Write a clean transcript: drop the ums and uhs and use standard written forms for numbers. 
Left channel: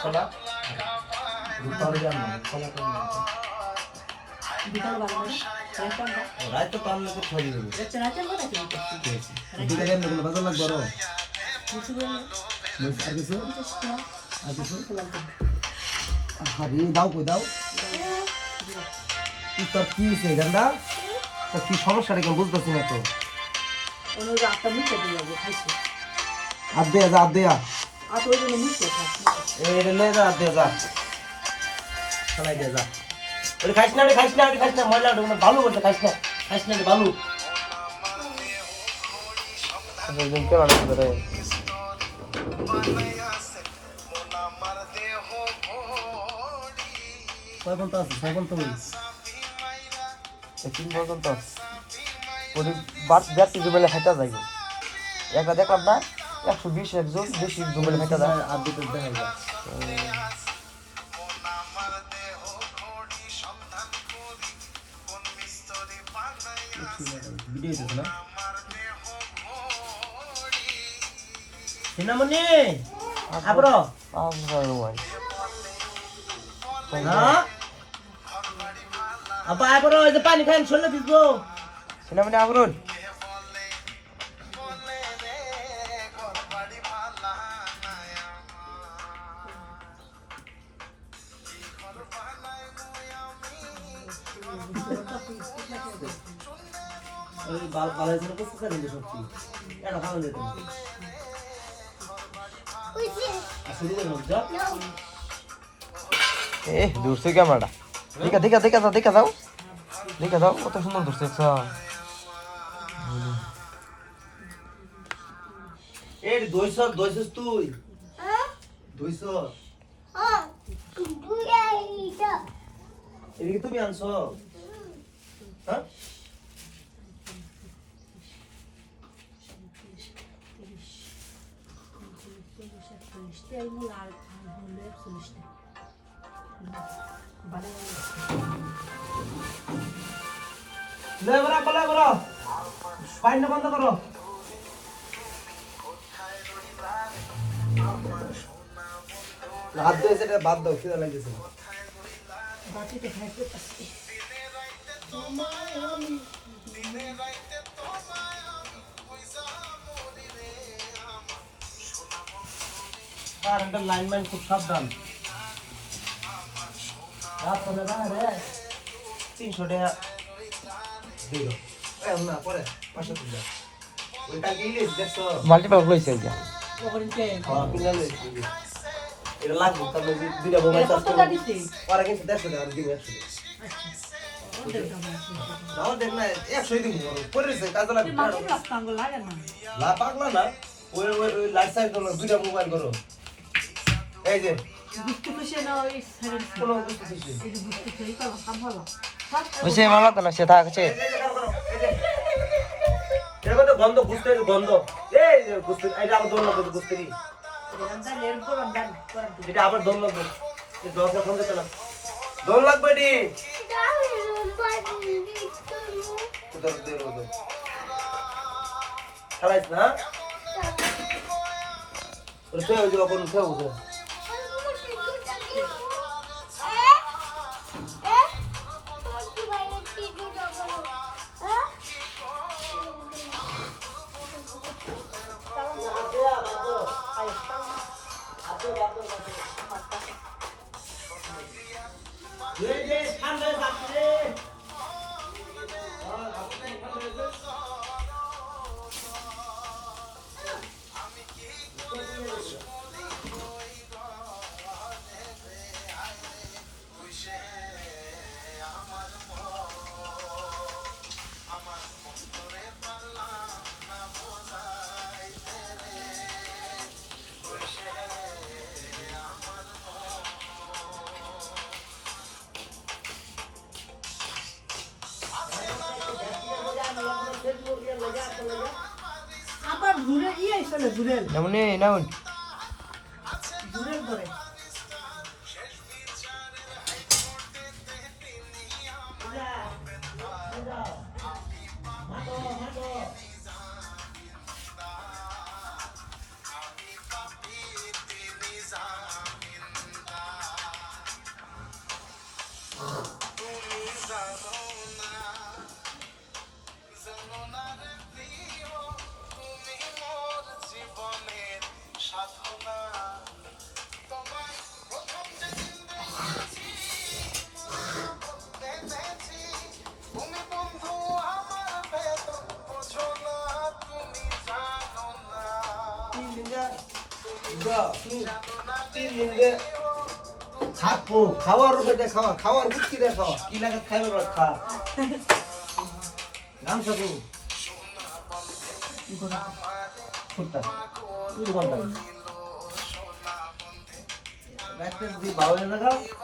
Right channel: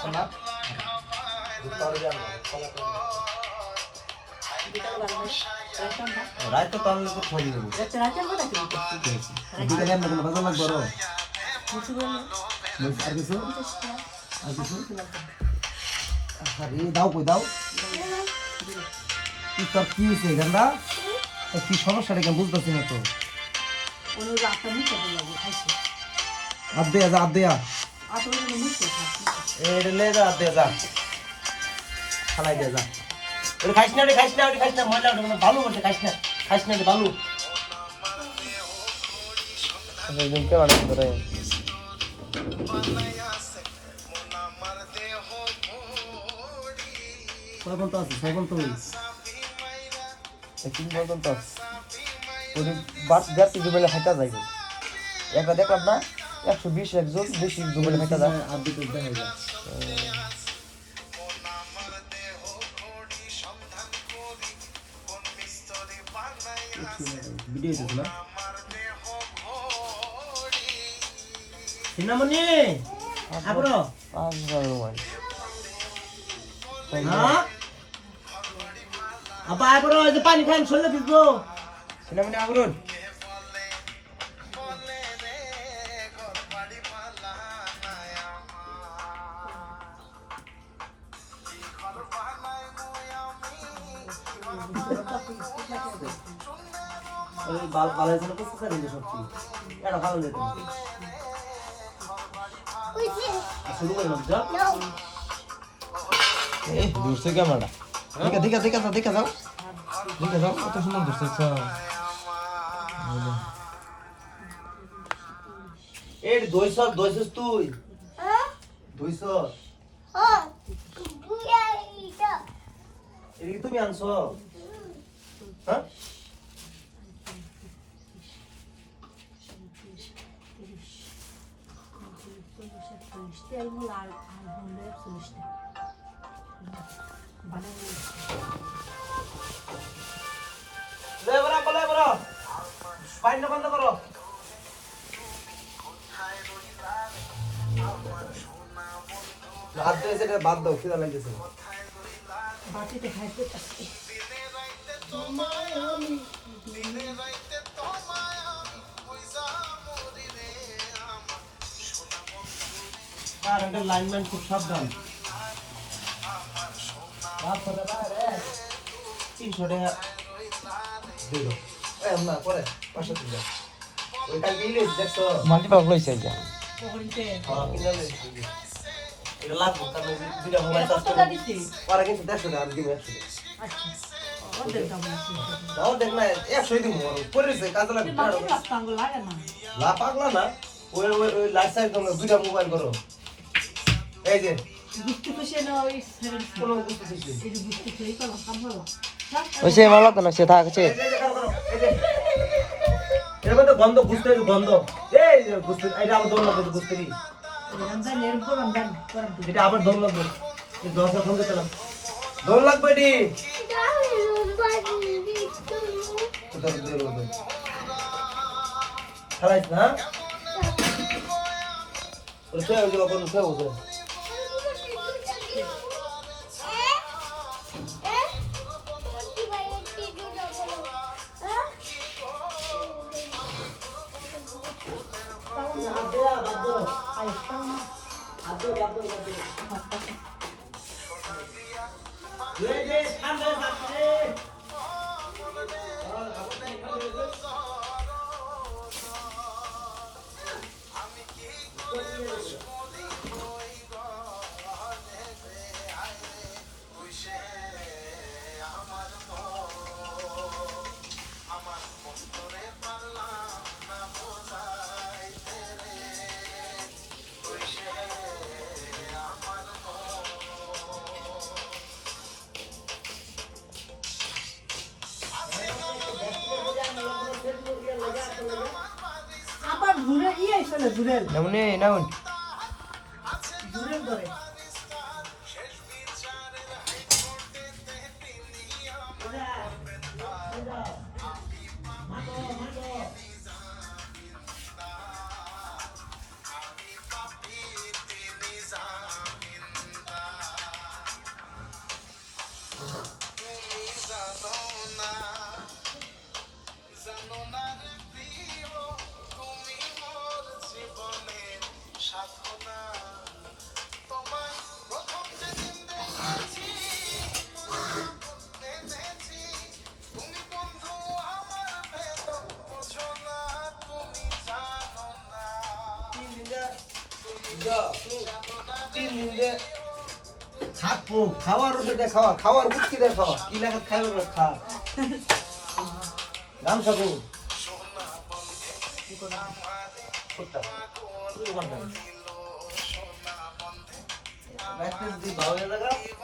ছোলা রায় তো তাহলে তো ছড়িয়ে দেবো বাজার লাগবে আরো আর কিছু দাও কই দাও তোর কি হয়েছে গান্দা তোর কি সমস্যাটা কেন বুঝতেছি না তো হাত দেয়া যা হাত দেয়া এটা নে হাত দেয়া যা খালাই দেয়া যা ওরে খাইস না মজা ভালো করতে খাইস না রে ভালো কয় বলতে আছে ছয় বলতে বলিস তিন বলতে আছে ওই ব্যক্তি বলে হেঁটা যাই একটা দেখলাম না 120 একজন বেশি বলে হেঁটা যায় আর দুটো দেখা যায় ভিডিও দেখলা সিনামনি আবরো হ্যাঁ আপা আবরো এই যে পানি খান চলে দিবো সিনামনি আবরো ওই বালের জন্য কষ্ট করে দিলে সত্যি এটা ভালো যেত শুরু করে মজা দূরছে ক্যামেরাটা দেখা দাও কত সুন্দর দূরছে এই দইছস তুই দইছস এদিকে তুমি আনছো হ্যাঁ বন্ধ করো হাত দিয়ে সেটা বাদ দাও খিদা লাগতেছে বাটিতে খাইতে আসছে লাইনম্যান খুব সাবধান 300 টাকা দিল না পরে 500 টাকা ওই কালকে ইলিশ দেখছো মাল্টিপ্যাক লইছে এই যে এটা লাগবে তাহলে দুইটা মোবাইল চার্জ করে পরে কিন্তু 150 টাকা আমি দিব 100 টাকা দাও দেখ না 100 দিব পরেছে কাজ লাগবে লা পাগলা না ওই লাইট সাইড করো দুইটা মোবাইল করো এই যে বুঝতে পারছ না ওই কোন বুঝতে পারছিস এই যে বুঝতে পারছিস কাজ কাম হলো ওসে ভালো তো সে থাকছে এর মধ্যে গন্ধ বুঝতে গন্ধ এই যে বুঝতে এটা আবার দৌড় লাগবে বুঝতে কি আমরা লের পর আমরা করে এটা আবার দৌড় লাগবে এই দশটা বলতে পারলাম দৌড় লাগবে নি খাইছ না ওতে ওই যে বাপন উঠে উঠে আবার ঘুরে গিয়ে চলে ঘুরে এমনি নাও ঘুরে ধরে 3 দিন যে থাকবো খাওয়ার ওষুধে খাওয়া খাওয়ার বুঝকি দিয়ে খাওয়া কি লাগে খাইবে বা খা নাম সাথে রাখতে দি বাউল না খাও